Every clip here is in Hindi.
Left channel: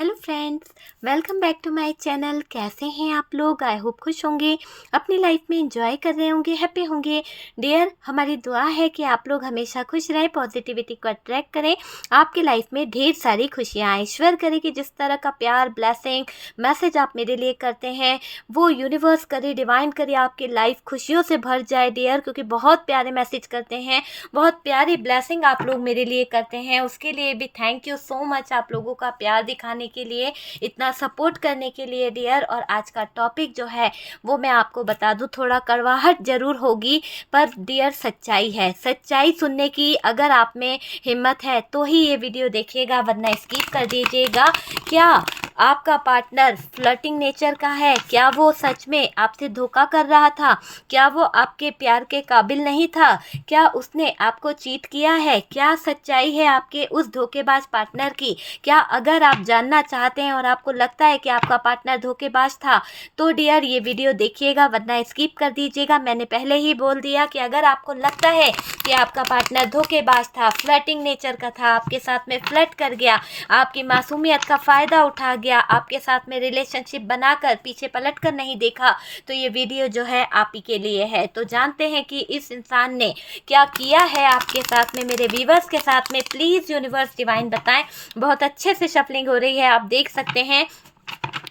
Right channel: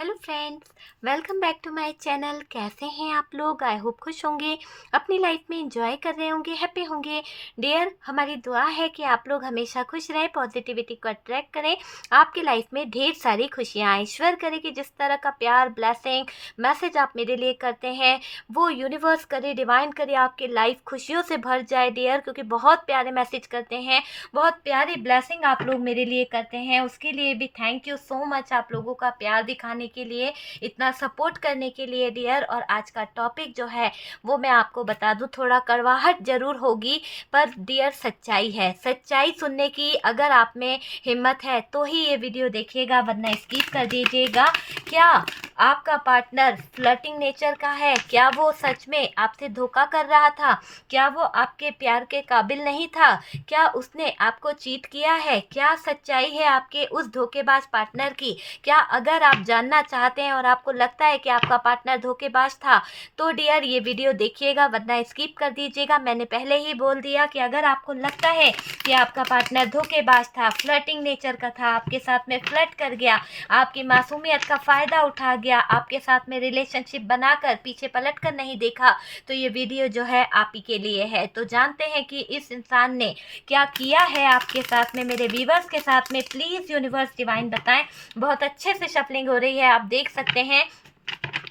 Hello friends, welcome back to my channel. कैसे हैं आप लोग? आई होप खुश होंगे, अपनी लाइफ में एंजॉय कर रहे होंगे, हैप्पी होंगे। डियर, हमारी दुआ है कि आप लोग हमेशा खुश रहें, पॉजिटिविटी को अट्रैक्ट करें, आपकी लाइफ में ढेर सारी खुशियाँ आए। ईश्वर करे कि जिस तरह का प्यार, ब्लेसिंग, मैसेज आप मेरे लिए करते हैं वो यूनिवर्स करे, डिवाइन करे, आपकी लाइफ खुशियों से भर जाए डियर, क्योंकि बहुत प्यारे मैसेज करते हैं, बहुत प्यारी ब्लेसिंग आप लोग मेरे लिए करते हैं। उसके लिए भी थैंक यू सो मच, आप लोगों का प्यार दिखाने के लिए, इतना सपोर्ट करने के लिए डियर। और आज का टॉपिक जो है वो मैं आपको बता दूं, थोड़ा कड़वाहट ज़रूर होगी पर डियर सच्चाई है। सच्चाई सुनने की अगर आप में हिम्मत है तो ही ये वीडियो देखिएगा, वरना स्किप कर दीजिएगा। क्या आपका पार्टनर फ्लर्टिंग नेचर का है? क्या वो सच में आपसे धोखा कर रहा था? क्या वो आपके प्यार के काबिल नहीं था? क्या उसने आपको चीट किया है? क्या सच्चाई है आपके उस धोखेबाज पार्टनर की? क्या अगर आप जानना चाहते हैं और आपको लगता है कि आपका पार्टनर धोखेबाज था तो डियर ये वीडियो देखिएगा, वरना स्किप कर दीजिएगा। मैंने पहले ही बोल दिया कि अगर आपको लगता है कि आपका पार्टनर धोखेबाज था, फ्लर्टिंग नेचर का था, आपके साथ में फ्लर्ट कर गया, आपकी मासूमियत का फ़ायदा उठा गया, आपके साथ में रिलेशनशिप बनाकर पीछे पलट कर नहीं देखा, तो ये वीडियो जो है आप ही के लिए है। तो जानते हैं कि इस इंसान ने क्या किया है आपके साथ में, मेरे व्यूवर्स के साथ में। प्लीज़ यूनिवर्स डिवाइन बताएं। बहुत अच्छे से शफलिंग हो रही है, आप देख सकते हैं,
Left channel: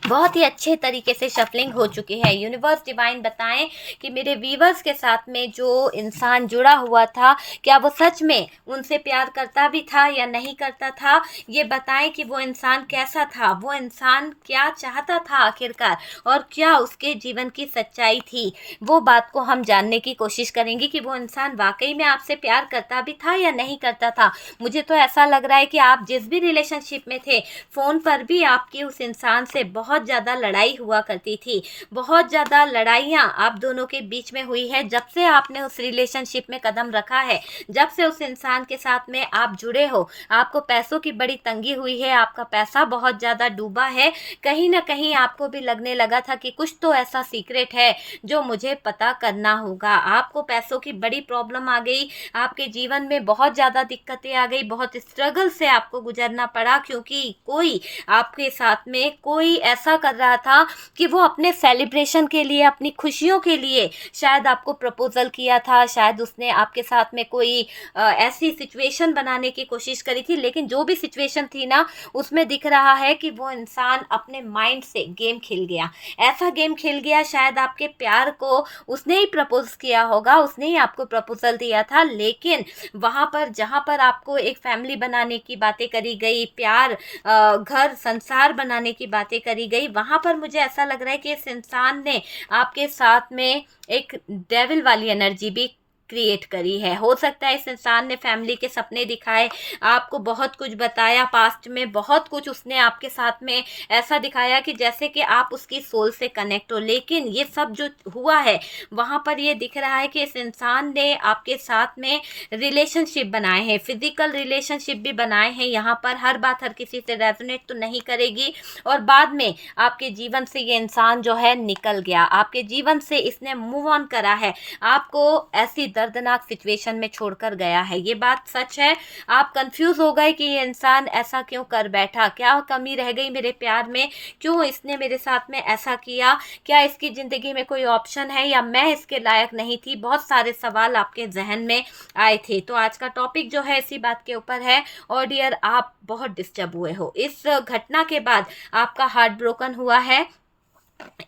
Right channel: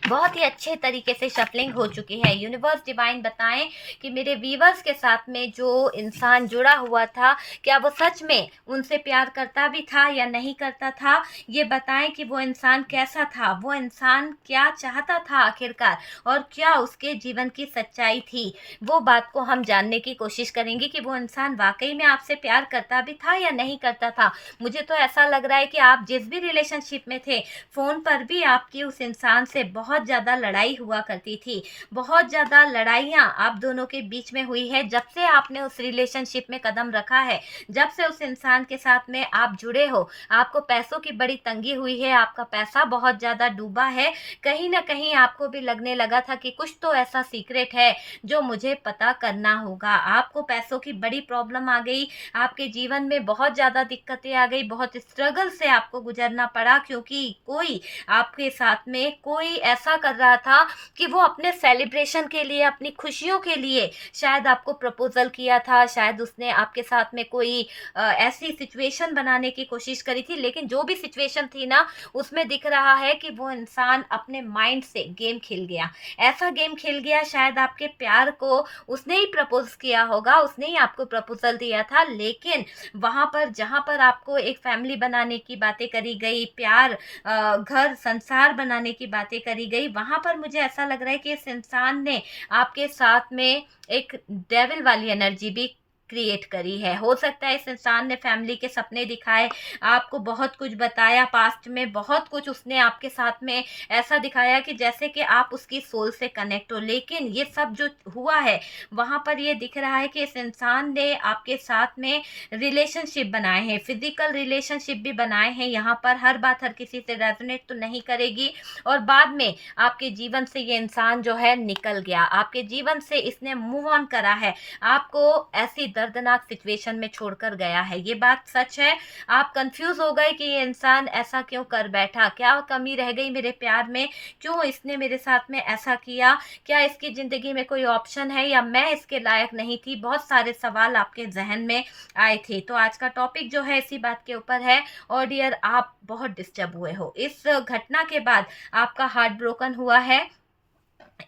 बहुत ही अच्छे तरीके से शफलिंग हो चुकी है। यूनिवर्स डिवाइन बताएं कि मेरे व्यूवर्स के साथ में जो इंसान जुड़ा हुआ था, क्या वो सच में उनसे प्यार करता भी था या नहीं करता था। ये बताएं कि वो इंसान कैसा था, वो इंसान क्या चाहता था आखिरकार, और क्या उसके जीवन की सच्चाई थी। वो बात को हम जानने की कोशिश करेंगे कि वो इंसान वाकई में आपसे प्यार करता भी था या नहीं करता था। मुझे तो ऐसा लग रहा है कि आप जिस भी रिलेशनशिप में थे, फ़ोन पर भी आपकी उस इंसान से बहुत ज़्यादा लड़ाई हुआ करती थी। बहुत ज़्यादा लड़ाइयाँ आप दोनों के बीच में हुई है जब से आपने उस रिलेशनशिप में कदम रखा है, जब से उस इंसान के साथ में आप जुड़े हो। आपको पैसों की बड़ी तंगी हुई है, आपका पैसा बहुत ज़्यादा डूबा है। कहीं न कहीं आपको भी लगने लगा था कि कुछ तो ऐसा सीक्रेट है जो मुझे पता करना होगा। आपको पैसों की बड़ी प्रॉब्लम आ गई, आपके जीवन में बहुत ज़्यादा दिक्कतें आ गई, बहुत स्ट्रगल से आपको गुजरना पड़ा, क्योंकि कोई आपके साथ में कोई ऐसा कर रहा था कि वो अपने सेलिब्रेशन के लिए, अपनी खुशियों के लिए शायद आपको प्रपोज़ल किया था, शायद उसने आपके साथ में कोई ऐसी सिचुएशन बनाने की कोशिश करी थी। लेकिन जो भी सिचुएशन थी ना, उसमें दिख रहा है कि वो इंसान अपने माइंड से गेम खेल गया। ऐसा गेम खेल गया, शायद आपके प्यार को उसने ही प्रपोज़ किया होगा, उसने ही आपको प्रपोज़ल दिया था, लेकिन वहाँ पर जहाँ पर आपको एक फैमिली बनाने की बातें करी गई, प्यार, घर संसार बनाने की बातें करी गई, वहाँ पर मुझे ऐसा लग रहा है कि इस इंसान ने आपके साथ में एक डेविल वाली एनर्जी भी क्रिएट करी है। हो सकता है इस इंसान ने फैमिली के सपने दिखाए, आपको बहुत कुछ बताया, पास्ट में बहुत कुछ उसने आपके साथ में ऐसा दिखाया कि जैसे कि आप उसकी सोल से कनेक्ट हो। लेकिन ये सब जो हुआ है, वहाँ पर ये दिख रहा है कि इस इंसान ने आपके साथ में रिलेशनशिप बनाए हैं, फिजिकल रिलेशनशिप भी बनाए हैं। यहाँ पर हर बात हर किसी से रेजोनेट तो नहीं करेगी, और बाद में आपके जीवन से ये इंसान जो है निकल गया, आपके जीवन से इसने मूव ऑन करा है, आपको ऐसी दर्दनाक सिचुएशन में छोड़कर गया है। ये बात सच है। आप कंफ्यूज हो गए कि ये इंसान ऐसा क्यों कर बैठा, क्या कमी रह गई मेरे प्यार में, क्यों इसने मेरे साथ में ऐसा किया, क्या इसकी ज़िंदगी में कोई ऑप्शन है, या मैं इसके लायक नहीं थी। बहुत सारे सवाल आपके जहन में आए थे। तो आज का टॉपिक जो है इसी बात के ऊपर है। और डियर, आप बहुत डिस्टर्ब हुए हो इस घटना के बाद, आपका हार्ट ब्रोकन हुआ है।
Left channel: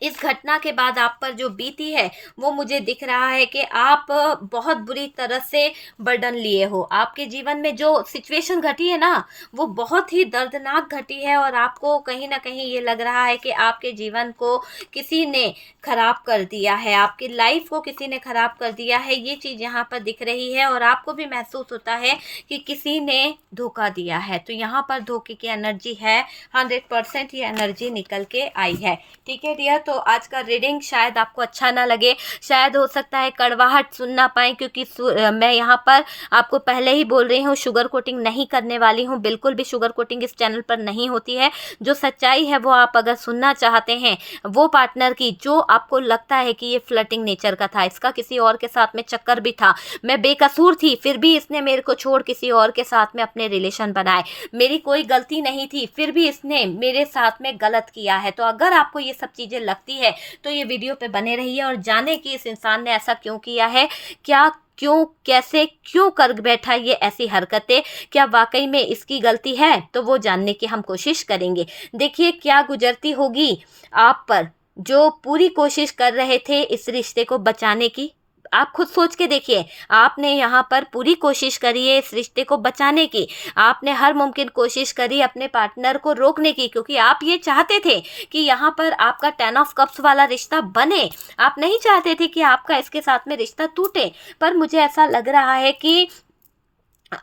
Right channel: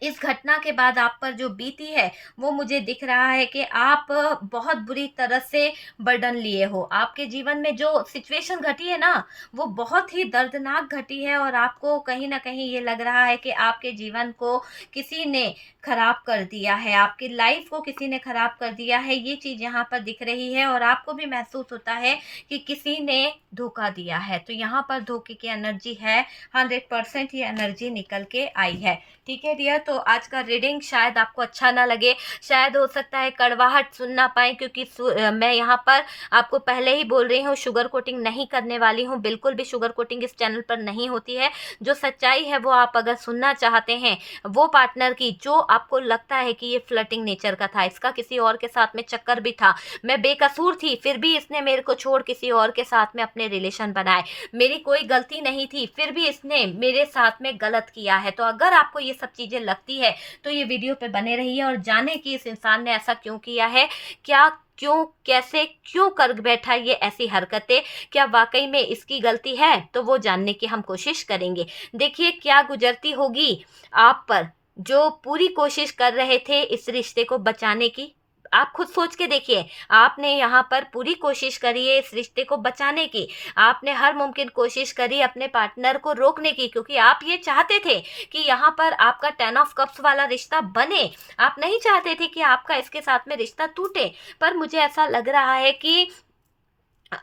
इस घटना के बाद आप पर जो बीती है वो मुझे दिख रहा है कि आप बहुत बुरी तरह से बर्डन लिए हो। आपके जीवन में जो सिचुएशन घटी है ना, वो बहुत ही दर्दनाक घटी है, और आपको कहीं न कहीं ये लग रहा है कि आपके जीवन को किसी ने खराब कर दिया है, आपकी लाइफ को किसी ने खराब कर दिया है। ये चीज़ यहाँ पर दिख रही है, और आपको भी महसूस होता है कि किसी ने धोखा दिया है। तो यहाँ पर धोखे की एनर्जी है, 100% ये एनर्जी निकल के आई है। ठीक है डियर, तो आज का रीडिंग शायद आपको अच्छा ना लगे, शायद हो सकता है कड़वाहट सुन ना पाए, क्योंकि मैं यहाँ पर आपको पहले ही बोल रही हूँ शुगर कोटिंग नहीं करने वाली हूँ, बिल्कुल भी शुगर कोटिंग इस चैनल पर नहीं होती है। जो सच्चाई है वो आप अगर सुनना चाहते हैं, वो पार्टनर की जो आपको लगता है कि ये फ्लर्टिंग नेचर का था, इसका किसी और के साथ में चक्कर भी था, मैं बेकसूर थी फिर भी इसने मेरे को छोड़ किसी और के साथ में अपने रिलेशन बनाए, मेरी कोई गलती नहीं थी फिर भी इसने मेरे साथ में गलत किया है। तो अगर आपको ये सब चीज़ें लगती है तो ये वीडियो पे बने रहिए और जाने कि इस इंसान ने ऐसा क्यों किया है, क्या क्यों कैसे क्यों कर बैठा ये ऐसी हरकतें, क्या वाकई में इसकी गलती है, तो वो जानने की हम कोशिश करेंगे। देखिए क्या गुजरती होगी आप पर, जो पूरी कोशिश कर रहे थे इस रिश्ते को बचाने की। आप खुद सोच के देखिए, आपने यहाँ पर पूरी कोशिश करी है इस रिश्ते को बचाने की, आपने हर मुमकिन कोशिश करी अपने पार्टनर को रोकने की, क्योंकि आप ये चाहते थे कि यहाँ पर आपका 10 ऑफ कप्स वाला रिश्ता बने, आप नहीं चाहते थे कि आपका इसके साथ में रिश्ता टूटे। पर मुझे ऐसा लग रहा है कि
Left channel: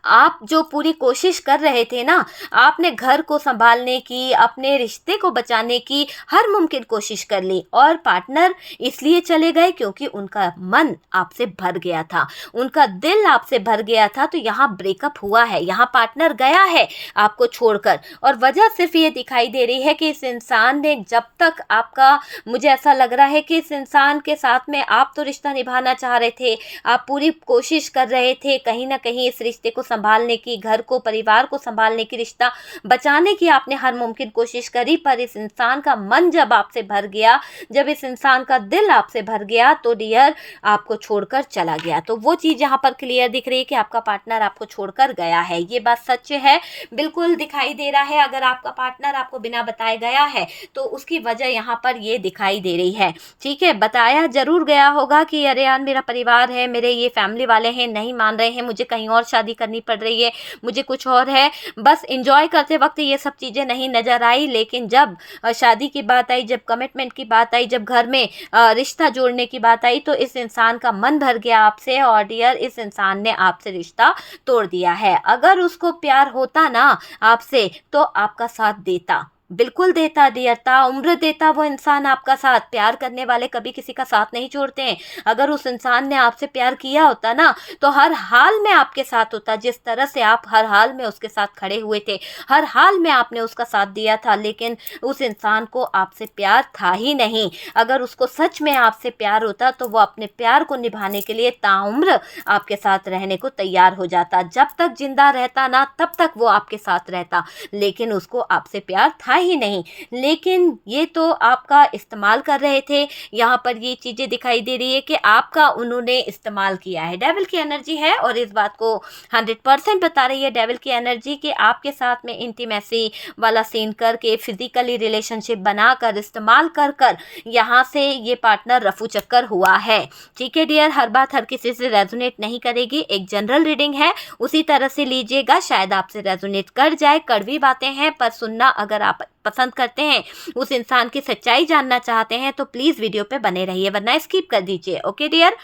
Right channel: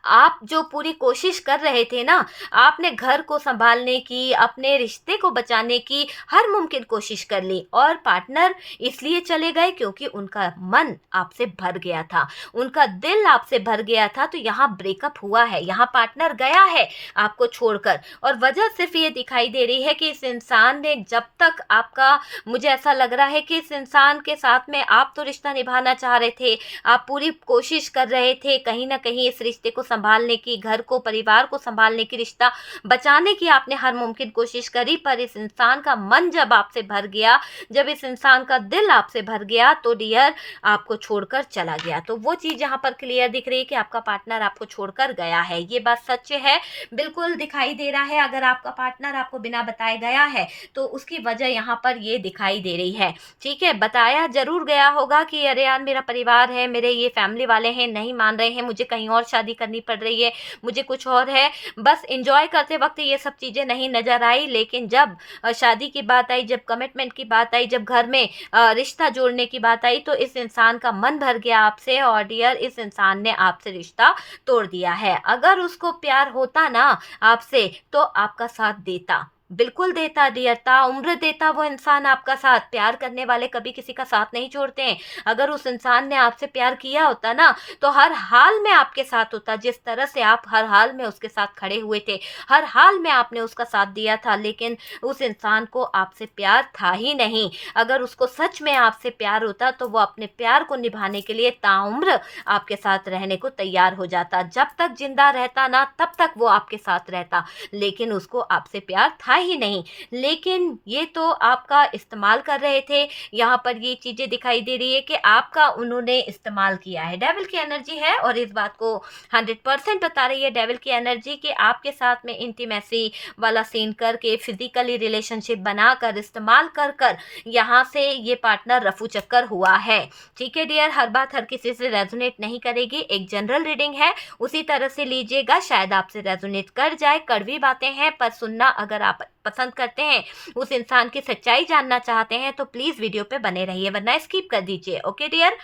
आप जो पूरी कोशिश कर रहे थे ना, आपने घर को संभालने की, अपने रिश्ते को बचाने की हर मुमकिन कोशिश कर ली, और पार्टनर इसलिए चले गए क्योंकि उनका मन आपसे भर गया था, उनका दिल आपसे भर गया था। तो यहाँ ब्रेकअप हुआ है, यहाँ पार्टनर गया है आपको छोड़कर, और वजह सिर्फ ये दिखाई दे रही है कि इस इंसान ने जब तक आपका, मुझे ऐसा लग रहा है कि इस इंसान के साथ में आप तो रिश्ता निभाना चाह रहे थे, आप पूरी कोशिश कर रहे थे कहीं ना कहीं इस रिश्ते को संभालने की, घर को परिवार को संभालने की, रिश्ता बचाने की आपने हर मुमकिन कोशिश करी, पर इस इंसान का मन जब आपसे भर गया, जब इस इंसान का दिल आपसे भर गया, तो डियर आपको छोड़कर चला गया। तो वो चीज़ यहाँ पर क्लियर दिख रही है कि आपका पार्टनर आपको छोड़कर गया है, ये बात सच है, बिल्कुल दिखाई दे रहा है। अगर आपका पार्टनर आपको बिना बताए गया है तो उसकी वजह यहाँ पर ये दिखाई दे रही है। ठीक है, बताया जरूर गया होगा कि अरे यार मेरा परिवार है, मेरे ये फैमिली वाले हैं, नहीं मान रहे हैं, मुझे कहीं और शादी करनी पड़ रही है, मुझे कुछ और है, बस एंजॉय करते वक्त ये सब चीज़ें नहीं नज़र आई। लेकिन जब शादी की बात आई, जब कमिटमेंट की बात आई, जब घर में रिश्ता जोड़ने की बात आई, तो इस इंसान का मन भर गया आपसे, और डियर इस इंसान ने आपसे रिश्ता तोड़ दिया है। अगर उसको प्यार होता ना आपसे तो आपका साथ देता, बिल्कुल देता डियर, ताउम्र देता वो इंसान आपका साथ। प्यार करने वाले कभी किसी का साथ नहीं छोड़ते हैं। अगर उस इंसान ने आपसे प्यार किया होता ना तो हर हाल में आपके साथ होता, जिस तरह से आप हर हाल में उसके साथ खड़े हुए थे, हर हाल में आपने उसका साथ दिया था। लेकिन उस इंसान को आपसे प्यार था ही नहीं। अगर उसको सच में आपसे प्यार होता तो वो अपने प्यार को निभाने के लिए ताउम्र आपके साथ रहने को तैयार हो जाता, जब तक जिंदा रहता ना तब तक वो आपके साथ रहता। लेकिन उसको आपसे प्यार था ही नहीं। लेकिन ये तो आपका इस्तेमाल कर रहे थे। यहाँ पर ये चीज़ें दिखाई दे रही है कि आपका उन्होंने इस्तेमाल किया है। डेविल की एनर्जी है और इस बात को 100% बता रही है डेविल की एनर्जी कि आपके साथ में इंटीमेसी वाला सीन करके, फिजिकली रिलेशनशिप बनाकर, इस्तेमाल कर कर यहाँ से ये पार्टनर रफू चक्कर हुआ है। ठीक है डियर, हर बात हर किसी से रेजोनेट नहीं करेगी, एक जनरल रीडिंग है, उसी तरह से लीजिएगा, शायद आपसे रेजोनेट कर जाए। कड़वी बातें हैं पर सुनना अगर आप पसंद करते हैं, उस इंसान की सच्चाई जानना चाहते हैं, तो प्लीज़ वीडियो पे बने रहिए, वरना स्किप कर दीजिए। ओके डियर,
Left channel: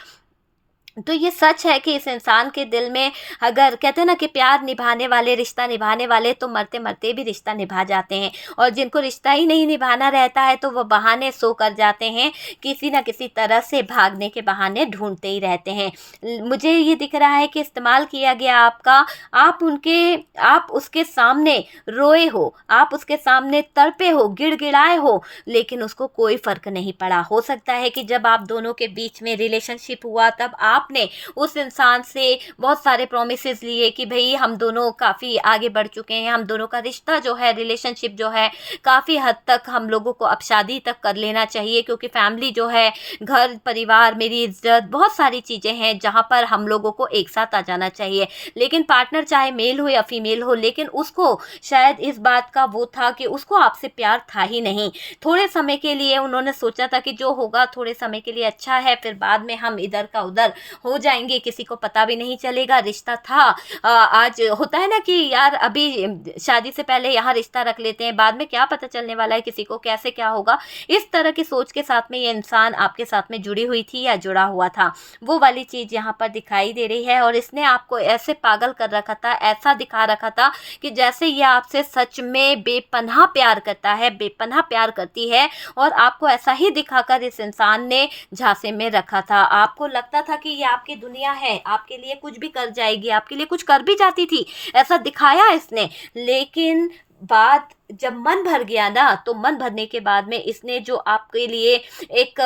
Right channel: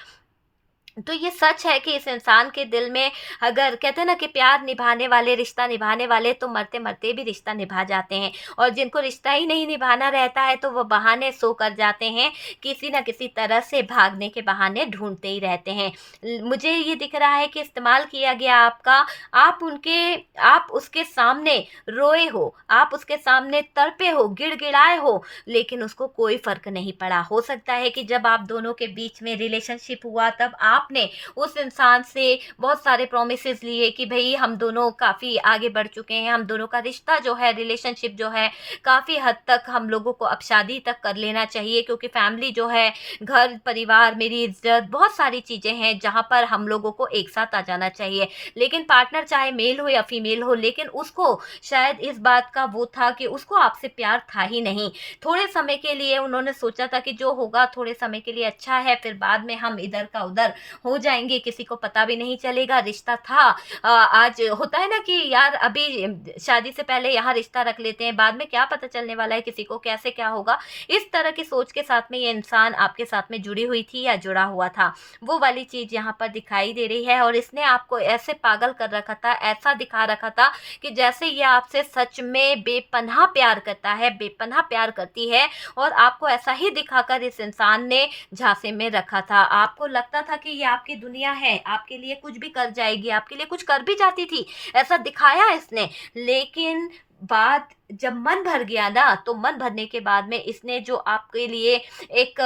तो ये सच है कि इस इंसान के दिल में, अगर कहते हैं ना कि प्यार निभाने वाले, रिश्ता निभाने वाले तो मरते मरते भी रिश्ता निभा जाते हैं, और जिनको रिश्ता ही नहीं निभाना रहता है तो वो बहाने सो कर जाते हैं, किसी ना किसी तरह से भागने के बहाने ढूंढते ही रहते हैं। मुझे ये दिख रहा है कि इस्तेमाल किया गया आपका, आप उसके सामने रोए हो, आप उसके सामने तड़पे हो, गिड़गिड़ाए हो, लेकिन उसको कोई फ़र्क नहीं पड़ा। हो सकता है कि जब आप दोनों के बीच में रिलेशनशिप हुआ तब आपने उस इंसान से बहुत सारे प्रोमिसेस लिए कि भाई हम दोनों काफ़ी आगे बढ़ चुके हैं, हम दोनों का रिश्ता जो है, रिलेशनशिप जो है, काफ़ी हद तक हम लोगों को अब शादी तक कर लेना चाहिए, क्योंकि फैमिली जो है, घर परिवार, मेरी इज्जत, बहुत सारी चीज़ें हैं जहाँ पर हम लोगों को एक साथ आ जाना चाहिए। लेकिन पार्टनर चाहे मेल हो या फीमेल हो, लेकिन उसको शायद इस बात का वो था कि उसको आपसे प्यार था ही नहीं। थोड़े समय के लिए उन्होंने सोचा था कि जो होगा थोड़े समय के लिए अच्छा है, फिर बाद में हम इधर का उधर हो जाएंगे, किसी को पता भी नहीं चलेगा, रिश्ता था। आज होता है ना कि यार अभी शादी से पहले यहाँ रिश्ता रख लेते हैं, बाद में क्या पता चलने वाला है किसी को, कैसे क्या होगा। इस तरह की सोच के साथ में ये इंसान आपके साथ में जुड़ी हुई थी या जुड़ा हुआ था, वो वाली चीज़ यहाँ पर दिखाई दे रही है। और इसने आपको ऐसे पागल कर रखा था, ऐसा दिखा रखा था कि जैसे ये आपसे सच में बेपनाह प्यार करता है, बेपनाह प्यार करती है। और आपको ऐसा ही दिखाकर इस इंसान ने झांसे में रखा था। आपको लगता था कि ये आपकी दुनिया है, आपके लिए कुछ भी कर जाएगी, आपके लिए कुछ कर भी जाती थी, ऐसा दिखाया इसने। लेकिन बात जब मन भर गया ना, तो मन भरने के बाद में इसने जो आपके लिए एक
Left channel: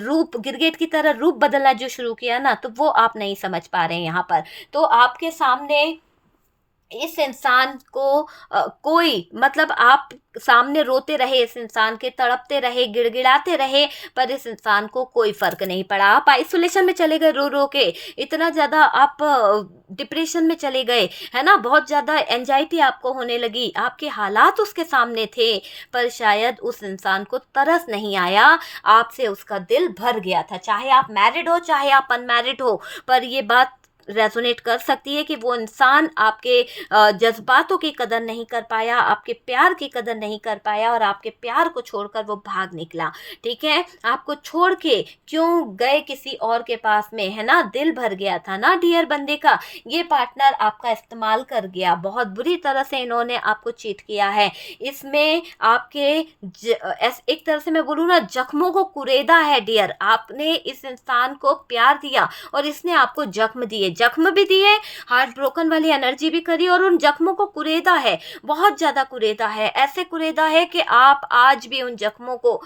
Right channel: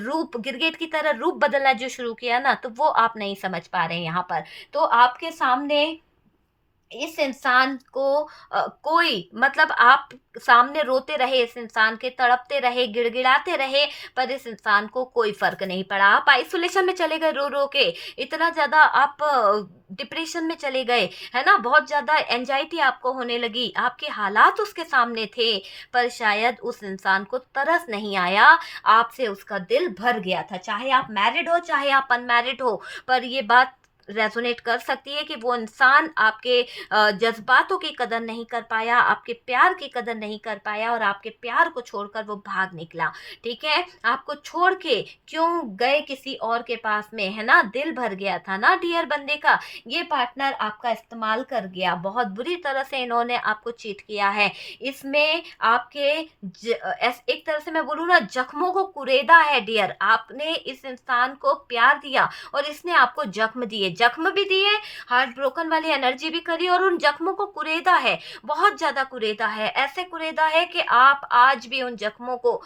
रूप, गिरगिट की तरह रूप बदलना जो शुरू किया ना, तो वो आप नहीं समझ पा रहे हैं यहाँ पर। तो आपके सामने इस इंसान को कोई, मतलब आप सामने रोते रहे, इस इंसान के तड़पते रहे, गिड़गिड़ाते रहे, पर इस इंसान को कोई फर्क नहीं पड़ा। आप आइसोलेशन में चले गए रो रो के, इतना ज़्यादा आप डिप्रेशन में चले गए, है ना, बहुत ज़्यादा एंजाइटी आपको होने लगी, आपके हालात उसके सामने थे, पर शायद उस इंसान को तरस नहीं आया, आपसे उसका दिल भर गया था। चाहे आप मैरिड हो, चाहे आप अनमैरिड हो, पर ये बात रेजोनेट कर सकती है कि वो इंसान आपके जज्बातों की कदर नहीं कर पाया, आपके प्यार की कदर नहीं कर पाया, और आपके प्यार को छोड़कर वो भाग निकला। ठीक है, आपको छोड़ के क्यों गए किसी और के पास में, है ना, दिल भर गया था ना डियर बंदे का। ये पार्टनर आपका इस्तेमाल कर गया, बहुत बुरी तरह से इन्होंने आपको चीट किया है। इसमें आपके एक तरह से मैं बोलूँ ना, जख्मों को कुरेदा है डियर। आपने इस इंसान को प्यार दिया और इसने आपको जख्म दिए, जख्म भी दिए, हार्ट ब्रोकन वाली एनर्जी भी करी, और उन जख्मों को कुरेदा है, बहुत ज़्यादा कुरेदा है, ऐसे कुरेदा है कि आप आज भी उन जख्मों को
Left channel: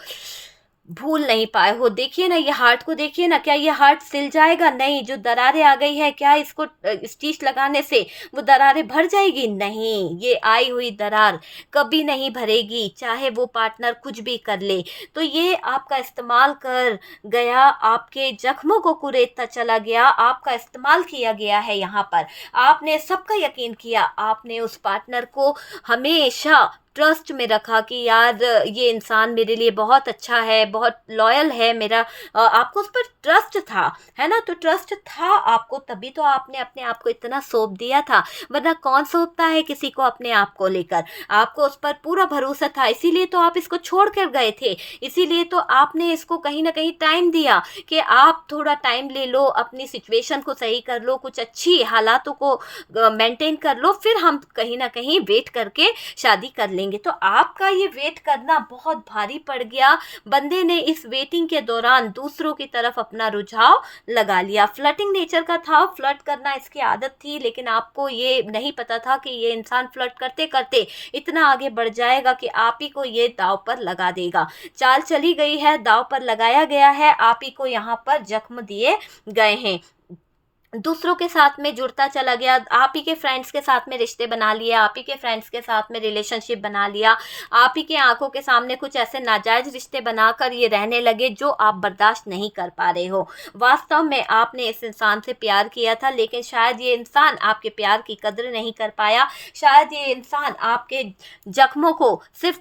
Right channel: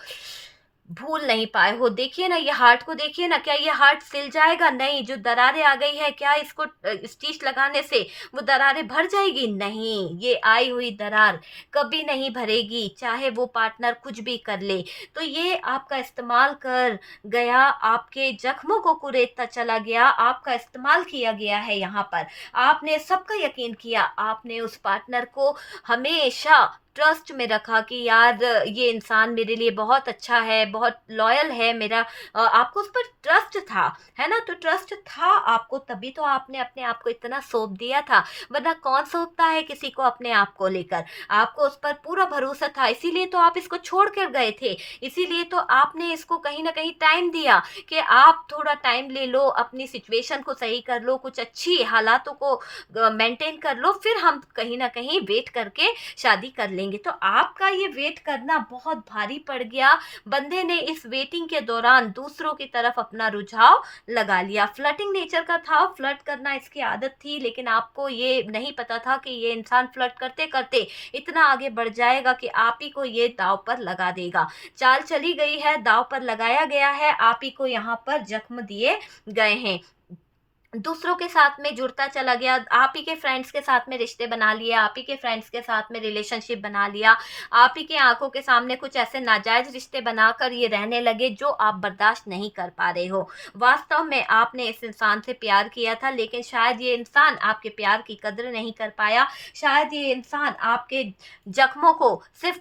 भूल नहीं पाए हो। देखिए ना, ये हार्ट को देखिए ना, क्या ये हार्ट सिल जाएगा? नहीं। जो दरारें आ गई है, क्या इसको स्टिच लगाने से वो दरारें भर जाएगी? नहीं, ये आई हुई दरार कभी नहीं भरेगी, चाहे वो पार्टनर कुछ भी कर ले। तो ये आपका इस्तेमाल कर गया, आपके जख्मों को कुरेदता चला गया, आपका इस्तेमाल किया गया है यहाँ पर। आपने सबका यकीन किया, आपने उस पार्टनर को हमेशा ट्रस्ट में रखा कि यार ये इंसान मेरे लिए बहुत अच्छा है, बहुत लॉयल है मेरा। आपको उस पर ट्रस्ट था, है ना, तो ट्रस्ट था आपको, तभी तो आपने अपने आप को इतना सौंप दिया था, वरना कौन सौंपता है किसी को अपने आप को लेकर। आपको उस पर पूरा भरोसा था, इसीलिए तो आप इसको छोड़ कर गए थे, इसीलिए तो आपने इसको कहीं ना कहीं टाइम दिया कि आप थोड़ा टाइम ले लो, अपनी सिचुएशन को सही कर लो, कुछ अच्छी हालातों को मेंटेन कर लो, फिर हम कहीं ना कहीं वेट करके शादी कर लेंगे। तो आपका ये वेट करना बहुत भारी पड़ गया। बंदे ने इस वेटिंग के दौरान दूसरों की तरफ अपना रुझाव लगा लिया। फ्लर्टिंग नेचर का था, फ्लर्ट करना इसकी आदत थी, लेकिन आपको ये नहीं पता था कि ये इंसान फ्लर्ट करते करते इतना आगे बढ़ जाएगा कि आप ही को ये दाव पर लगा देगा। चाल चली गई है, दाव पर लगाया गया है, आप ही को यहाँ पर जख्म दिए गए हैं। दूसरों के साथ में जुड़ता चला गया, आप ही के फ्रेंड्स के साथ में रिश्ते बना लिए, आप ही के फ्रेंड्स के साथ में रिलेशनशिप बना लिया, आप ही के आंखों के सामने कुछ ऐसे नाजायज रिश्ते बनाकर ये रहने लगे जो आप बर्दाश्त नहीं कर पा रहे हो। वास्तव में आपने इस इंसान से प्यार किया था, लेकिन शायद ये इंसान आपके प्यार की कदर नहीं कर पाया, शायद ये इंसान आपके जख्मों को सिर्फ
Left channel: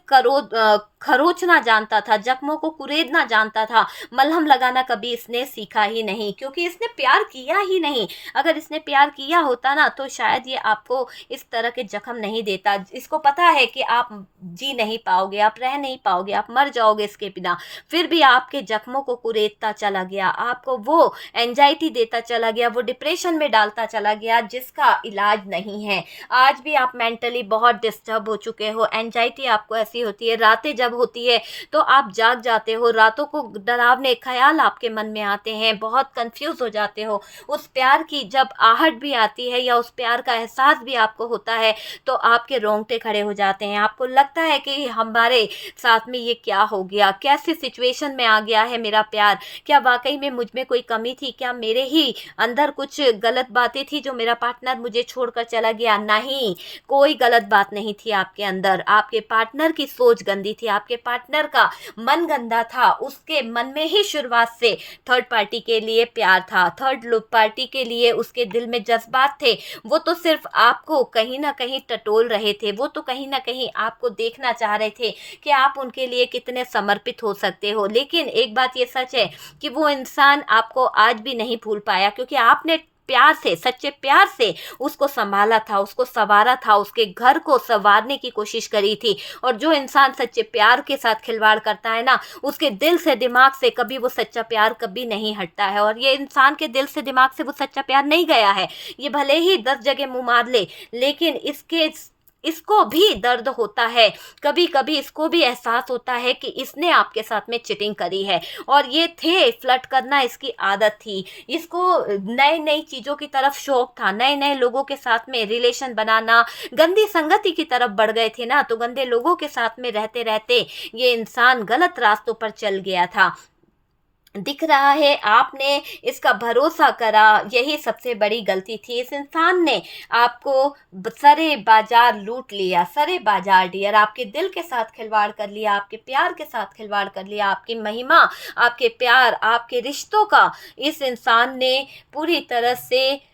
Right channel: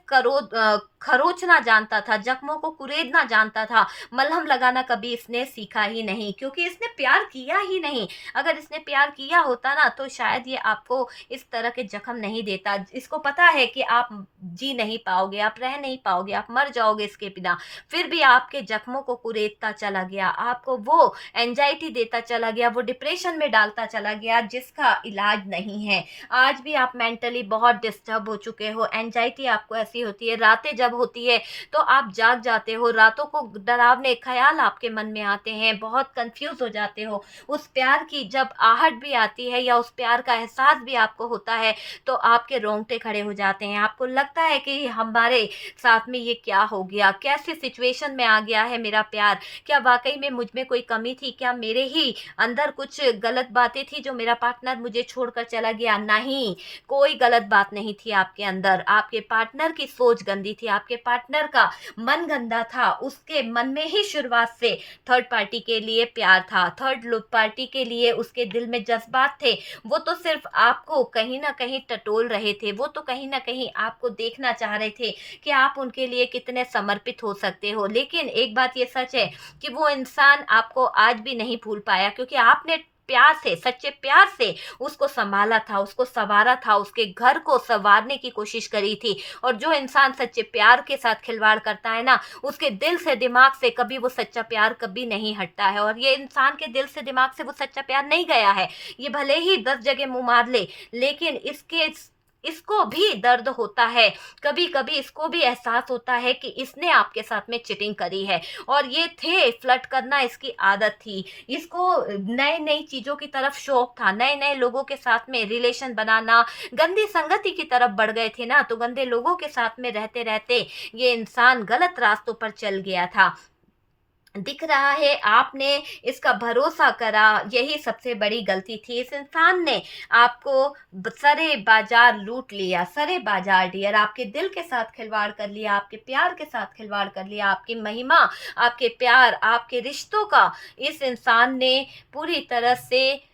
खरोचना जानता था, जख्मों को कुरेदना जानता था, मलहम लगाना कभी इसने सीखा ही नहीं, क्योंकि इसने प्यार किया ही नहीं। अगर इसने प्यार किया होता ना, तो शायद ये आपको इस तरह के जख्म नहीं देता। इसको पता है कि आप जी नहीं पाओगे, आप रह नहीं पाओगे, आप मर जाओगे इसके बिना, फिर भी आपके जख्मों को कुरेदता चला गया, आपको वो एंजाइटी देता चला गया, वो डिप्रेशन में डालता चला गया जिसका इलाज नहीं है। आज भी आप मेंटली बहुत डिस्टर्ब हो चुके हो। एंजाइटी आपको ऐसी होती है, रातें जब होती है तो आप जाग जाते हो, रातों को डरावने ख्याल आपके मन में आते हैं, बहुत कंफ्यूज हो जाते हो। उस प्यार की जब आहट भी आती है या उस प्यार का एहसास भी आपको होता है, तो आपके रोंगटे खड़े हो जाते हैं। आपको लगता है कि हमारे साथ में ये क्या हो गया, कैसी सिचुएशन में आ गया है मेरा प्यार, क्या वाकई में मुझ में कोई कमी थी, क्या मेरे ही अंदर कुछ गलत बातें थी जो मेरा पार्टनर मुझे छोड़कर चला गया? नहीं, कोई गलत बात नहीं थी आपके अंदर, आपके पार्टनर की सोच गंदी थी, आपके पार्टनर का मन गंदा था, उसके मन में ही शुरुआत से थर्ड पार्टी के लिए प्यार था, थर्ड पार्टी के आपके लिए उसके दिल में जज्बात थे, वो तो सिर्फ आपको कहीं ना कहीं टटोल रहे थे, वो तो कहीं ना कहीं आपको देखना चाह रहे थे कि आप उनके लिए कितने समर्पित हो सकते हो। लेकिन एक बात ये सच है कि वो इंसान आपको आज भी नहीं भूल पाया, क्योंकि आपने प्यार से, सच्चे प्यार से उसको संभाला था, उसको संवारा था, उसके घर को संवारने की कोशिश करी थी। और जो इंसान सच्चे प्यार के साथ खिलवाड़ करता है ना, उसके दिल से दिमाग से कभी वो सच्चा प्यार कभी नहीं हटता है। और ये इंसान के दिल से दिमाग से वो सच्चा प्यार नहीं गया है। ये भले ही 10 जगह मुंह मार ले, लेकिन इसको भी दर्द होता है, कभी कभी इसको भी एहसास होता है कि इसने आपके साथ में चीटिंग करी है। और ये थे, फ्लर्ट करना इसकी आदत थी, इसको नए नई चीज़ों की तरफ शौक था, नए नए लोगों के साथ में रिलेशन बनाना। गंदी संगति की तरफ बढ़ गए थे ना, तो गंदे लोगों के साथ में रहते रहते ये इंसान गलत रास्तों पर चल गया था। दिख रहा है आपने इसका भरोसा करा, यही सबसे बड़ी गलती थी। इस इंसान ने आपको सरे बाजार लूट लिया, सरे बाजार डियर, आपके दिल के साथ खिलवाड़ कर लिया, आपके प्यार के साथ खिलवाड़ कर लिया, आपकी महिमा, आपके प्यार, आपके रिश्तों का इस इंसान ने पूरी तरह से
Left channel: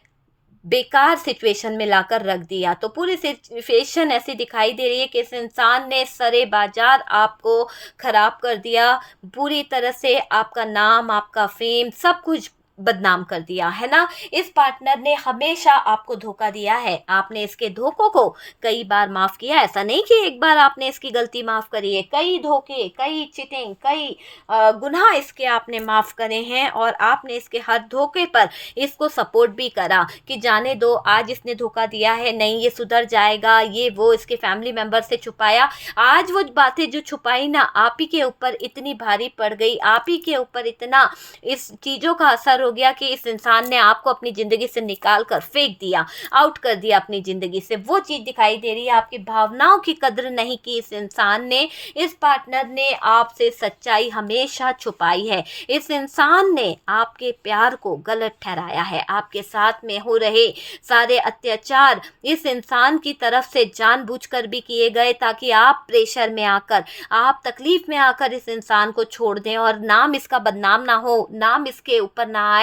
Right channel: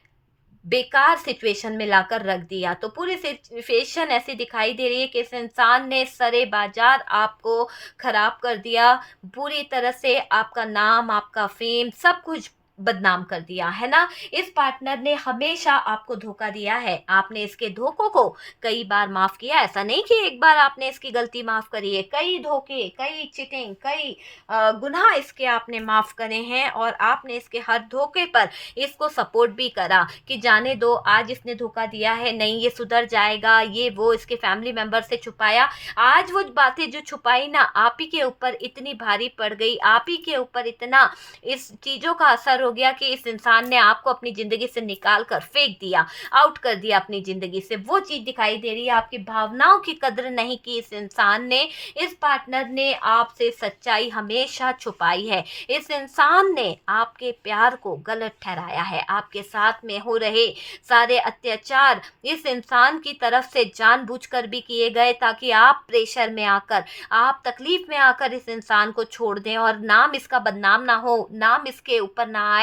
बेकार सिचुएशन में लाकर रख दिया। तो पूरी सिचुएशन ऐसी दिखाई दे रही है कि इस इंसान ने सरे बाजार आपको खराब कर दिया, पूरी तरह से आपका नाम, आपका फेम, सब कुछ बदनाम कर दिया है ना। इस पार्टनर ने हमेशा आपको धोखा दिया है, आपने इसके धोखों को कई बार माफ किया, ऐसा नहीं कि एक बार आपने इसकी गलती माफ करी है, कई धोखे, कई चीटिंग, कई गुनाह इसके आपने माफ करे हैं। और आपने इसके हर धोखे पर इसको सपोर्ट भी करा कि जाने दो, आज इसने धोखा दिया है, नहीं ये सुधर जाएगा, ये वो, इसके फैमिली मेंबर से छुपाया। आज वो बातें जो छुपाई ना, आप ही के ऊपर इतनी भारी पड़ गई, आप ही के ऊपर इतना इस चीज़ों का असर हो गया कि इस इंसान ने आपको अपनी ज़िंदगी से निकाल कर फेंक दिया, आउट कर दिया अपनी ज़िंदगी से। वो चीज़ दिखाई दे रही है, आपकी भावनाओं की कद्र नहीं की इस इंसान ने। इस पार्टनर ने आपसे सच्चाई हमेशा छुपाई है। इस इंसान ने आपके प्यार को गलत ठहराया है। आपके साथ में हो रहे सारे अत्याचार इस इंसान की तरफ से जानबूझकर भी किए गए, ताकि आप प्रेशर में आकर, आप तकलीफ में आकर इस इंसान को छोड़ दें और नाम इसका बदनाम ना हो, नाम इसके ऊपर ना आए।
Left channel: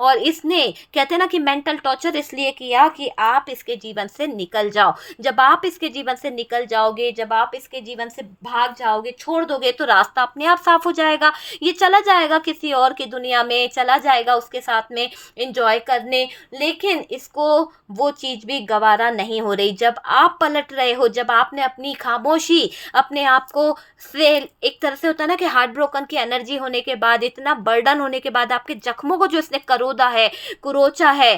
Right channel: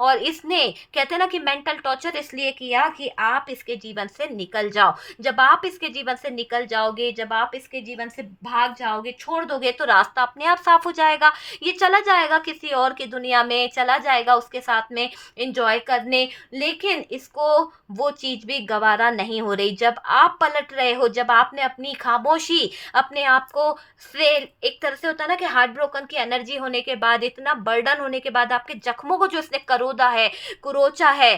और इसने, कहते हैं ना कि मेंटल टॉर्चर इसलिए किया कि आप इसके जीवन से निकल जाओ। जब आप इसके जीवन से निकल जाओगे, जब आप इसके जीवन से भाग जाओगे, छोड़ दोगे, तो रास्ता अपने आप साफ हो जाएगा। ये चला जाएगा किसी और की दुनिया में, चला जाएगा उसके साथ में एंजॉय करने। लेकिन इसको वो चीज़ भी गवारा नहीं हो रही। जब आप पलट रहे हो, जब आपने अपनी खामोशी, अपने आप को फेल, एक तरह से होता है ना कि हार्ट ब्रोकन की एनर्जी होने के बाद, इतना बर्डन होने के बाद, आपके जख्मों को जो इसने करोदा है, कुरोचा है,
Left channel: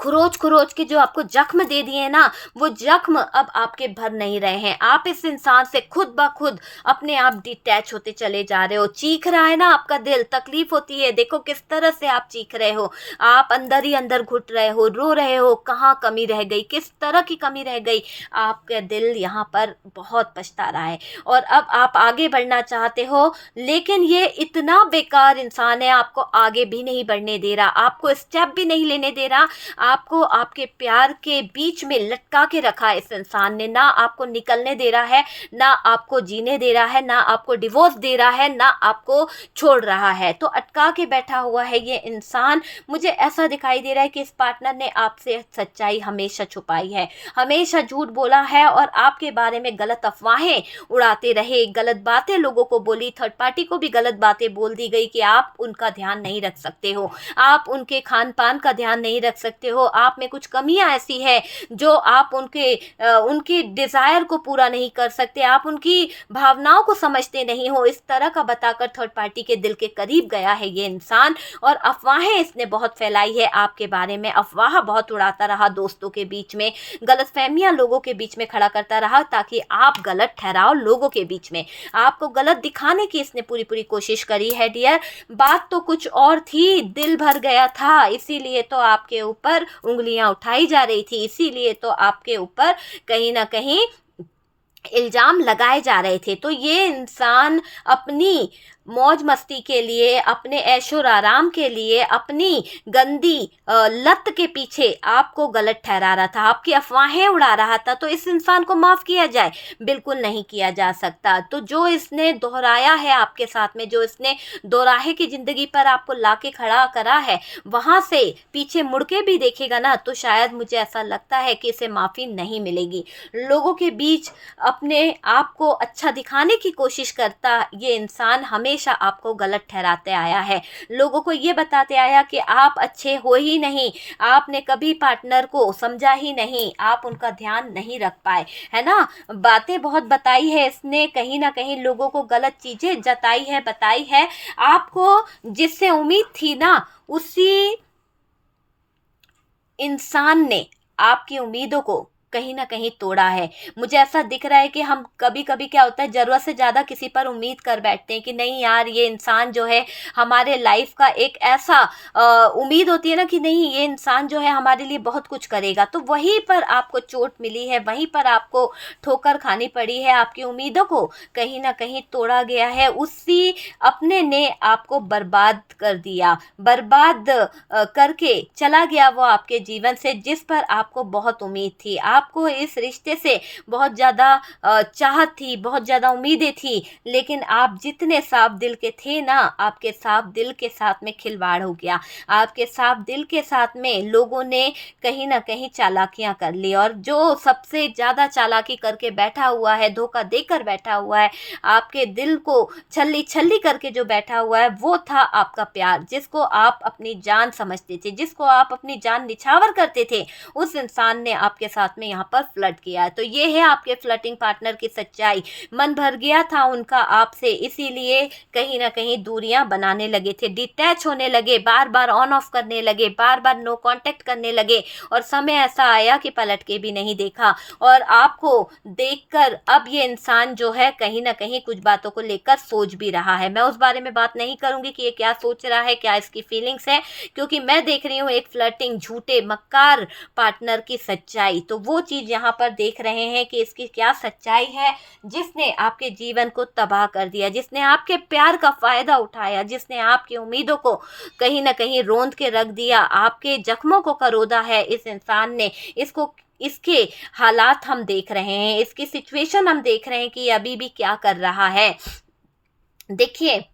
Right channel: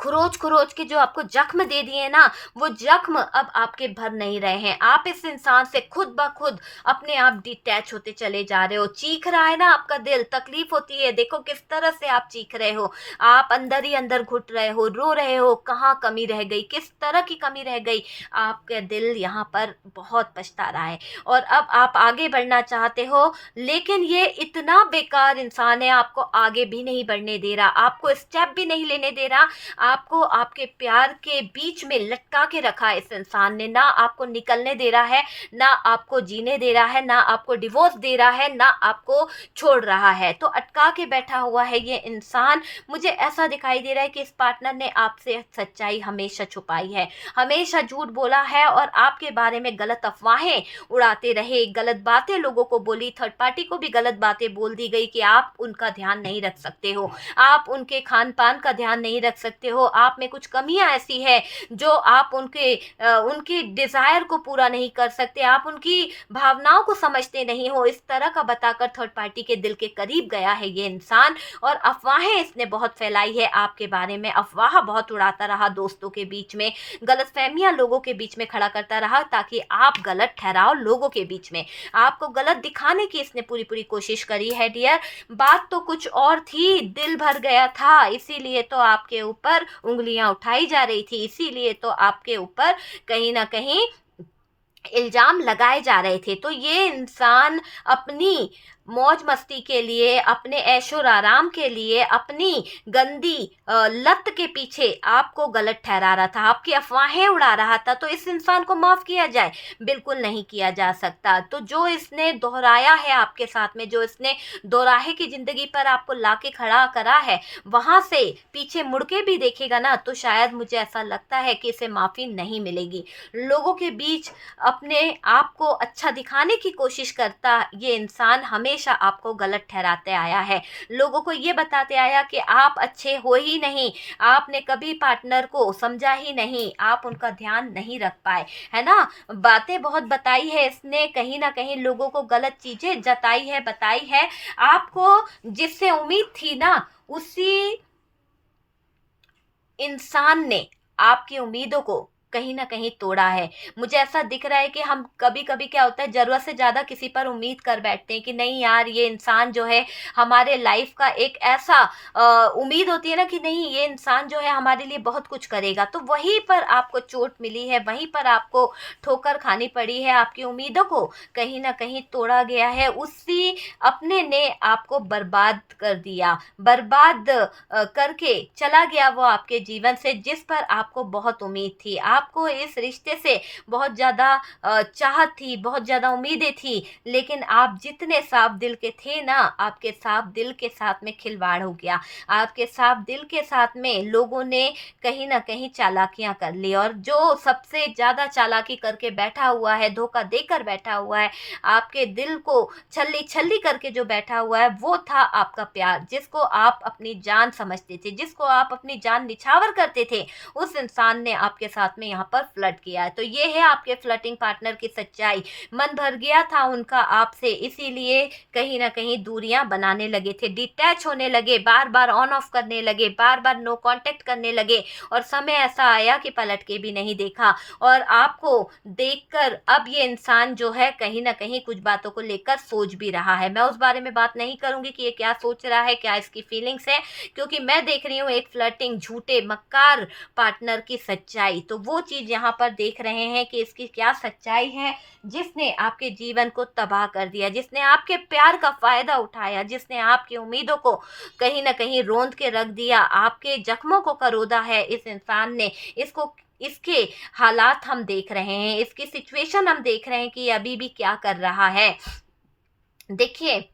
खरोच खरोच के जो आपको जख्म दे दिए ना, वो जख्म अब आपके भर नहीं रहे हैं। आप इस इंसान से खुद ब खुद अपने आप डिटैच होते चले जा रहे हो। चीख रहा है ना आपका दिल, तकलीफ होती है, देखो किस तरह से आप चीख रहे हो, आप अंदर ही अंदर घुट रहे हो, रो रहे हो, कहाँ कमी रह गई, किस तरह की कमी रह गई। आपका दिल यहाँ पर बहुत पछता रहा है और अब आप आगे बढ़ना चाहते हो, लेकिन ये इतना बेकार इंसान है, आपको आगे भी नहीं बढ़ने दे रहा, आपको स्टेप भी नहीं लेने दे रहा। आपको आपके प्यार के बीच में लटका के रखा है इस इंसान ने, ना आपको निकलने दे रहा है, ना आपको जीने दे रहा है, ना आपको डिवोर्स दे रहा है, ना आपको छोड़ रहा है। तो अटका के बैठा हुआ है ये इंसान। मुझे ऐसा दिखाई दे रहा है कि इस पार्टनर ने आपसे सच्चाई हमेशा छुपाई है, हमेशा झूठ बोला है और आपके बारे में गलत अफवाहें उड़ाते रहे, गलत बातें लोगों को बोली, थर्ड पार्टी को भी गलत बातें बोल दी गई कि आप उनका ध्यान नहीं रख सकते हो, आप उनके खान पान का ध्यान नहीं रख सकते हो, आप में कुछ कमियां ऐसी है जो आप उनकी डिज़ायर को पूरा नहीं कर सकते, आप उनकी भावनाओं को समझते नहीं हो। इस तरह का बताकर थर्ड पार्टी के दिल के करीब गया है ये इंसान। और अफवाहें इसने बहुत फैलाई है आपके बारे में, अफवाह बहुत उड़ाता रहा, दोस्तों के बीच में गलतफहमियां लोगों के बीच में खड़ा करता रहा, ताकि आप गलत ठहराओ लोगों के बीच में, आपको गलत दिखाने की इसने पूरी पूरी कोशिश करी है डियर। बात तो कुछ और थी, दिल भर गया था, इसीलिए तो आपके ऊपर उंगलियां उठाई जा रही थी, इसीलिए तो आपके ऊपर कहीं ना कहीं इल्जाम लगाए जा रहे थे। तो ये इंसान अपनी मौज मस्ती के लिए, अपने ऐशो आराम के लिए, अपनी गंदी लत के पीछे आपको गलत ठहरा रहा था, आपकी अफवाहें उड़ा रहा था, तो इस इंसान को माफ़ किया जाए? बिल्कुल नहीं किया जा सकता। तो जो इसने दोहराया है आपके साथ में, जो इसने दोराहे की ज़िंदगी पर आपको लाके खड़ा करा है, वहाँ से पीछे मुड़ के भी देखेगा ना, तो शायद मुझे ऐसा लगता है कि इसे माफ़ी नहीं मिलेगी। लोगों के बीच अपने आप को अच्छा दिखाने की कोशिश करता ये इंसान हमेशा आपको गलत ठहराते आया है। लोगों को ये बताते आया कि आप अच्छे हो ही नहीं, आपने कभी पार्टनर को समझा ही नहीं, आप उनका ध्यान नहीं रख पाए, है ना? बातें बहुत बताई है इसने, कहीं न कहीं लोगों को गलत चीज़ें जताई है, बताई है। आपको जिससे उम्मीद थी ना, उसी इंसान ने आपकी उम्मीदों को कहीं न कहीं तोड़ा है। मुझे ऐसा दिख रहा है कि हम कभी-कभी क्या होता है, ज़रूरत से ज़्यादा किसी पर उम्मीद कर बैठते हैं कि नहीं यार, ये इंसान जो है हमारे लाइफ़ का एक ऐसा उम्मीद होती है ना कि नहीं, ये इंसान जो है हमारे लिए बहुत कुछ करेगा। तो वहीं पर आपको चोट मिली है, वहीं पर आपको ठोकर खानी पड़ी है, आपकी उम्मीदों को कहीं न कहीं तोड़ा गया है। उसी अपने ने आपको बर्बाद कर दिया। बर्बाद करके चला गया वो आपके जीवन से, जिस पर आपको बहुत उम्मीद थी। आपको इस रिश्ते से बहुत ज़्यादा चाहत थी, बहुत ज़्यादा उम्मीदें थी, लेकिन आप जितने साफ दिल के थे ना, आपके साफ दिल के साथ में खिलवाड़ हो गया। आपके साफ दिल के साथ में लोगों ने कहीं न कहीं चालाकियाँ कर ली, और जो सबसे ज़्यादा चालाकी करके बैठा हुआ है, धोखा देकर बैठा हुआ है, आपके दिल को छल्ली-छल्ली करके जो बैठा हुआ है, वो था आपका प्यार, जिसको आप अपनी जान समझते थे, जिसको आप अपनी जान निछावर करते थे, उस इंसान ने आपके साथ में यहाँ पर फ्लर्ट किया है। तो ये है आपके फ्लर्टिंग पार्टनर की सच्चाई। मन भर गया था उनका आपसे, इसीलिए कहीं न कहीं दूरियाँ बनाने लगे थे, डिटैच होने लगे, बार-बार ऑन ऑफ करने लगे, बार-बार नो कॉन्टैक्ट करने लगे, और समय ऐसा आया कि पलट के भी नहीं देखा। और आपको देखकर अब ये इंसान जो है कहीं न कहीं कुछ बातों को लेकर सोच भी रहा है। मैं उस बारे में बात नहीं करूँगी कि ये क्या सोच रहा है, क्या इसकी फीलिंग्स है, क्योंकि मैं देख रही हूँ एक फ्लर्टिंग, झूठे, मक्कार पार्टनर की सच्चाई। तो वो चीज़ यहाँ पर देख रहे हैं कि इसकी क्या सच्चाई है, जिसने आपके जीवन को तबाह कर दिया, जिसने आपके प्यार का फ़ायदा उठाया, जिसने आपकी उम्मीदों को कहीं न कहीं रौंद के रख दिया, आपके ज़ख्मों को करोदा है इस इंसान ने। इसके हालात हम देख रहे हैं, इसकी सिचुएशन हम देख रहे हैं कि ये अभी भी क्या कर रहा है। देखिए,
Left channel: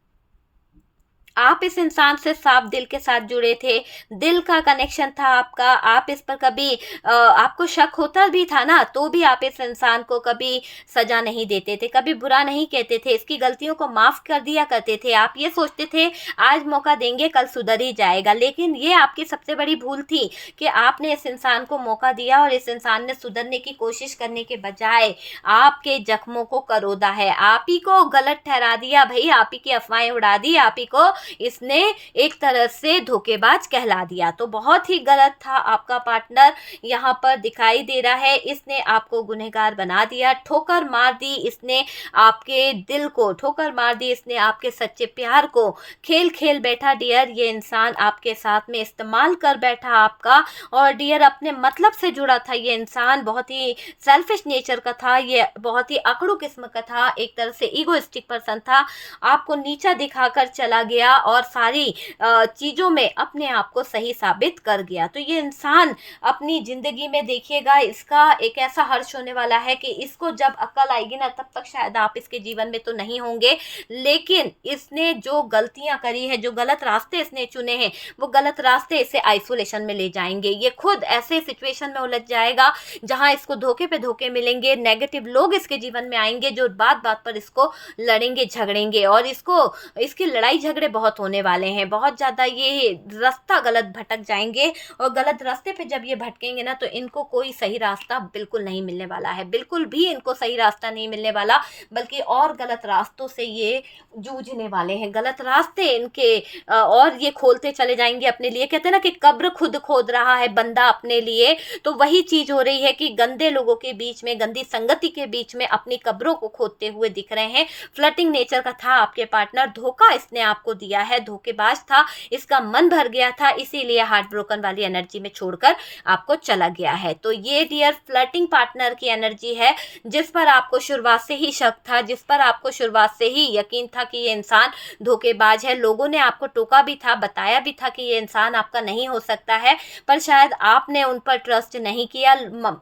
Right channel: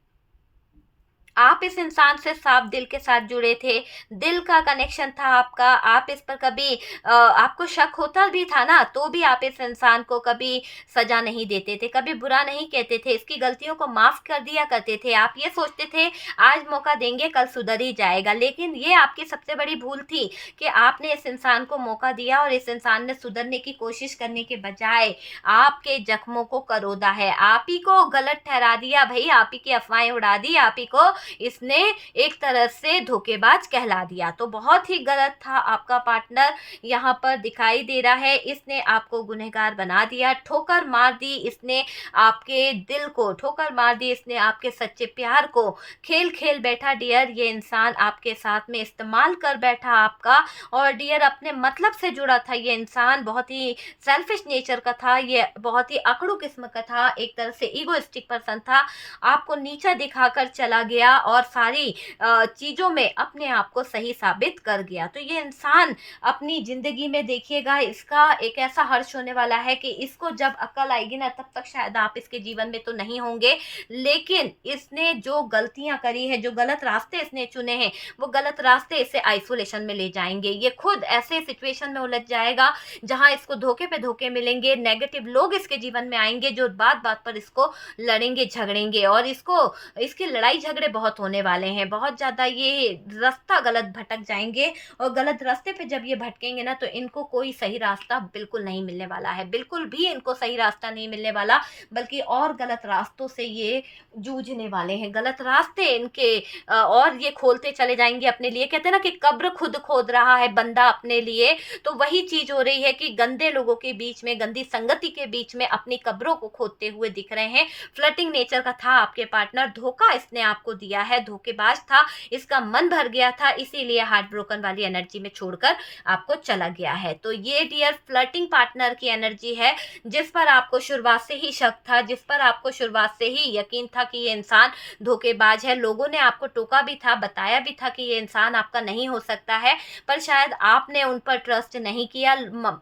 आप इस इंसान से साफ दिल के साथ जुड़े थे, दिल का कनेक्शन था आपका, आप इस पर कभी आपको शक होता भी था ना, तो भी आप इस इंसान को कभी सज़ा नहीं देते थे, कभी बुरा नहीं कहते थे, इसकी गलतियों को माफ़ कर दिया करते थे। आप ये सोचते थे आज मौका देंगे, कल सुधर ही जाएगा, लेकिन ये आपकी सबसे बड़ी भूल थी कि आपने इस इंसान को मौका दिया, और इस इंसान ने सुधरने की कोशिश करने के बजाय आपके ज़ख्मों को करोदा है, आप ही को गलत ठहरा दिया भई, आप ही की अफ़वाहें उड़ा दी, आप ही को इसने एक तरह से धोखेबाज कहला दिया। तो बहुत ही गलत था आपका पार्टनर, यहाँ पर दिखाई दे रहा है इसने आपको गुनहगार बना दिया, ठोकर मार दी इसने आपके दिल को, ठोकर मार दी इसने आपके सच्चे प्यार को, खेल खेल बैठा डियर ये इंसान आपके साथ में, इस्तेमाल कर बैठा आपका, और डियर अपने मतलब से जुड़ा था ये इंसान, बहुत ही सेल्फिश नेचर का था, ये बहुत ही अकड़ू किस्म का था, एक तरह से ईगोइस्टिक पर्सन था, आपको नीचा दिखाकर चला गया और सारी चीज़ों में अपने आप को सही साबित कर गया। तो ये इंसान अपनी ज़िंदगी में देखिएगा, इसका एक ऐसा हर्ष होने वाला है कि इसको जब अक्ल आएगी ना, तब तक शायद आप इसके जीवन में तो नहीं होंगे, लेकिन इसने जो गलतियाँ करी है, जो गलत रास्ते इसने चुने हैं, वो गलत रास्ते इसे आइसोलेशन में ले जाएँगे। ये खुद ऐसे सिचुएशन में उलझ जाएगा जहाँ इसको धोखे पे धोखे मिलेंगे, नेगेटिव लोग इसके जीवन में आएँगे जो बात-बात पर इसको लड़ेंगे, झगड़ेंगे, और इसकी लड़ाई झगड़े बहुत होने वाले हैं, बहुत ज़्यादा ये रास्ता गलत भटक जाएँगे, और गलत रास्ते पे जब ये भटकेंगे ना, तो इनको कोई सही रास्ता बिल्कुल नहीं मिलने वाला है, बिल्कुल भी इनको सही रास्ता नहीं मिलने वाला, बल्कि और गलत रास्तों से ये जूझने वाले हैं, गलत रास्ते इनके और ये खोलते चले जाएँगे अपने लिए। कहते हैं ना कि कब्र खुद खोद रहा है बंदा अपने लिए, तो वही चीज़ हो रही है कि गंदे लोगों के बीच में, गंदी संगति के बीच में अपनी कब्रों को खोदते हुए दिख रहे हैं। फ्लर्टिंग नेचर का था आपके पार्टनर, धोखा इसने आपको दिया। किया है, धोखेबाज था, इसका मन भर गया था, इसीलिए हार्ट ब्रोकन वाली एनर्जी में छोड़कर आपको चला गया है। तो ये डियर फ्लर्टिंग पार्टनर की एनर्जी है, जिस पर आपको शुरुआत से ही शक था, जिस पर आपको शुरुआत से ही यकीन था कि ये इंसान धोखेबाज है। लोगों ने आपको टोका भी था, बताया भी था कि ये इंसान आपका नहीं हो सकता है, पर शायद आपने उन पर ट्रस्ट नहीं किया।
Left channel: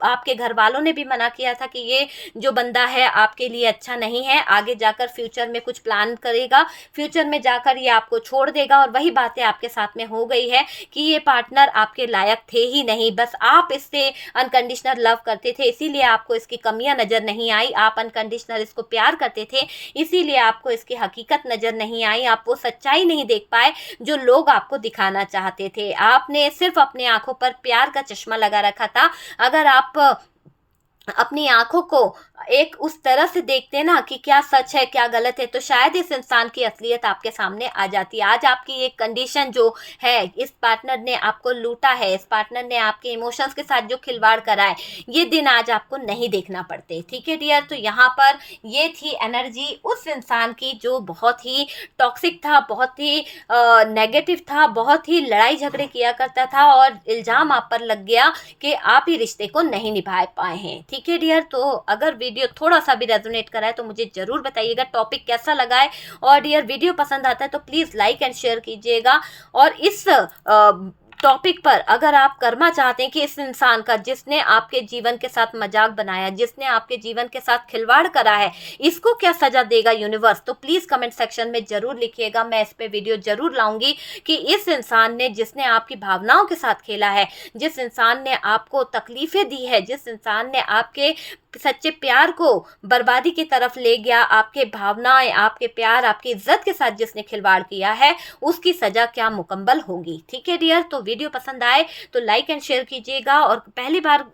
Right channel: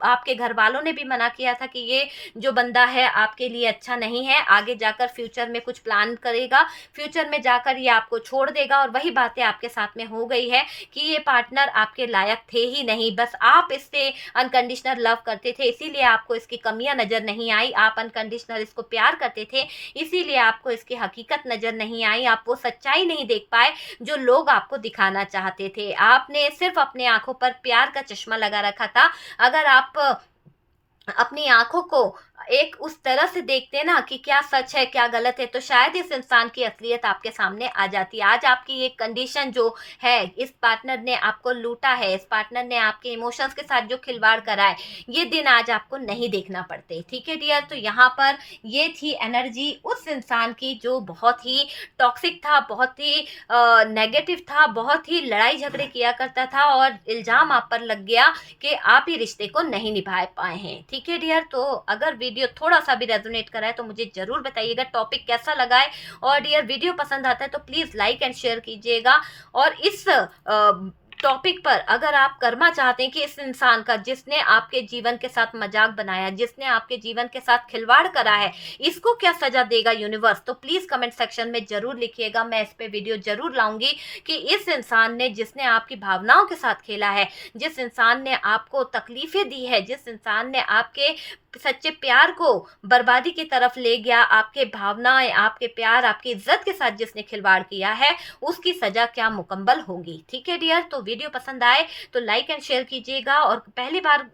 आपके घर वालों ने भी मना किया था कि ये जो बंदा है आपके लिए अच्छा नहीं है, आगे जाकर फ्यूचर में कुछ प्लान करेगा, फ्यूचर में जाकर ये आपको छोड़ देगा। और वही बातें आपके साथ में हो गई है कि ये पार्टनर आपके लायक थे ही नहीं, बस आप इससे अनकंडीशनल लव करते थे, इसीलिए आपको इसकी कमियां नजर नहीं आई। आप अनकंडीशनल इसको प्यार करते थे, इसीलिए आपको इसकी हकीकत नजर नहीं आई। आप वो सच्चाई नहीं देख पाए जो लोग आपको दिखाना चाहते थे। आपने सिर्फ अपनी आंखों पर प्यार का चश्मा लगा रखा था। अगर आप अपनी आंखों को एक उस तरह से देखते ना कि क्या सच है क्या गलत है, तो शायद इस इंसान की असलियत आपके सामने आ जाती। आज आपकी ये कंडीशन जो है, इस पार्टनर ने आपको लूटा है, इस पार्टनर ने आपके इमोशंस के साथ जो खिलवाड़ करा है, ये दिन आज आपको नहीं देखना पड़ते। ठीक है डियर, तो यहाँ पर ये थी एनर्जी उस इंसान की जो बहुत ही टॉक्सिक था, बहुत ही नेगेटिव था, बहुत ही लड़ाई झगड़े किया करता था, और इल्ज़ाम आप पर लग गया कि आप ही रिश्ते को नहीं निभा पाए हैं। ठीक है डियर, तो अगर वीडियो थोड़ा सा भी रेजोनेट करा है तो मुझे जरूर बताइएगा टॉपिक कैसा लगा है। और डियर, वीडियो पसंद आता है तो प्लीज़ लाइक एंड शेयर कीजिएगा। और इस टॉपिक पर अगर आप करना चाहते हैं कि इस इंसान का, जिसने आपके जीवन के साथ मजाक बनाया, जिसने आपके जीवन के साथ खिलवाड़ करा है, इसको क्या सजा देगा यूनिवर्स, तो प्लीज़ कमेंट सेक्शन में ज़रूर लिखिएगा। मैं इस पे वीडियो ज़रूर लाऊंगी कि इस इंसान ने, जिसने आपकी भावनाओं के साथ खेला है, जिस इंसान ने आपको तकलीफ़ें दी है, जिस इंसान ने आपके सच्चे प्यार को बर्बादी की तरफ ले गया, आपके भावनाएं, आपके प्यार, आपकी इज्जत के साथ जिसने खिलवाड़ किया है, उसकी सजा क्या मुकम्मल होगी। ठीक है डियर, तो वीडियो पसंद आए तो लाइक एंड शेयर कीजिएगा, और पहली बार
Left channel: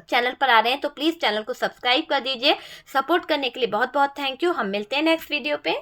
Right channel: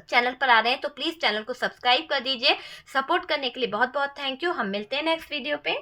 चैनल पर आ रहे हैं तो प्लीज़ चैनल को सब्सक्राइब कर दीजिए। सपोर्ट करने के लिए बहुत बहुत थैंक यू। हम मिलते हैं नेक्स्ट वीडियो पे।